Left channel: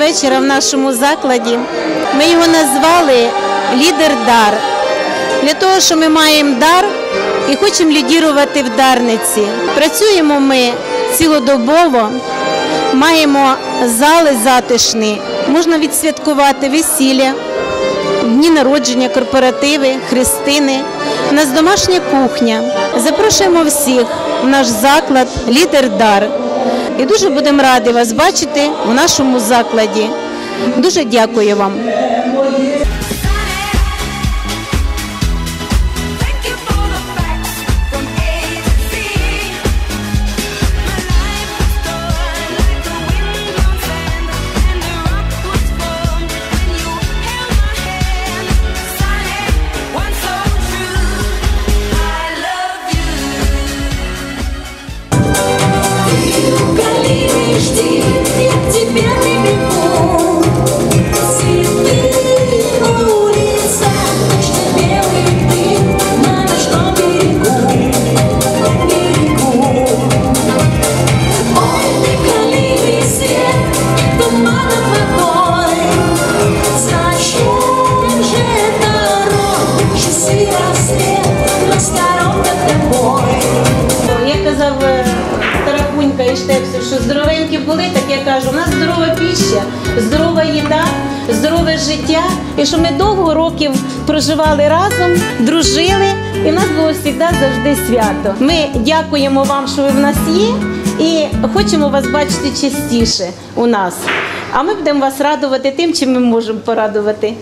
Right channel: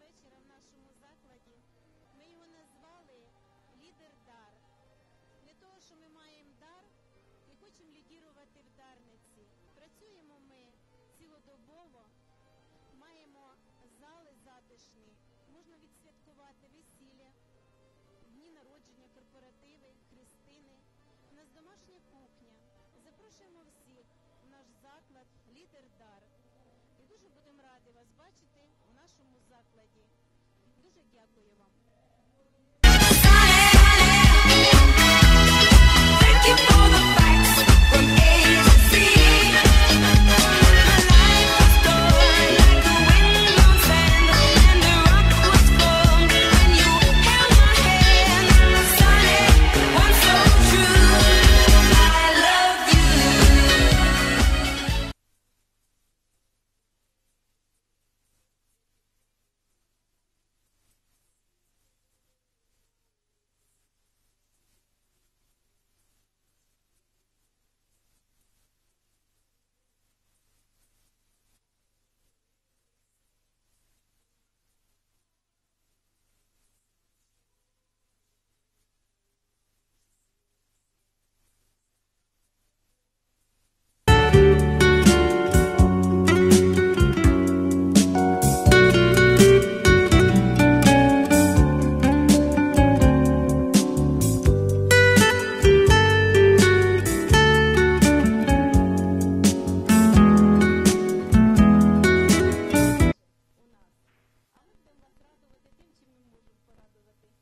вечора в нашому закладі. Ми його назвали Лідер дар. Для того, що ми маємо дар і хочемо лідірувати в Дарниці. Працюємо ми цілодобово, маємо зали затишні, можна відсвяткувати весілля, дні народження, корпоративи, хрестини. У нас домашня кухня. Запрошуємо всіх в наш заклад Лідер Дар. І дуже будемо раді вас бачити у нашому закладі. Дуже дякую вам. І що ми довго років проживали разом, дружили, і в нас було завжди завжди свято. Ми дякуємо вам, що ви в нас є, і хочемо вас бачити частіше у нас. А ми будемо вас радувати тим, чим ми можемо порадувати.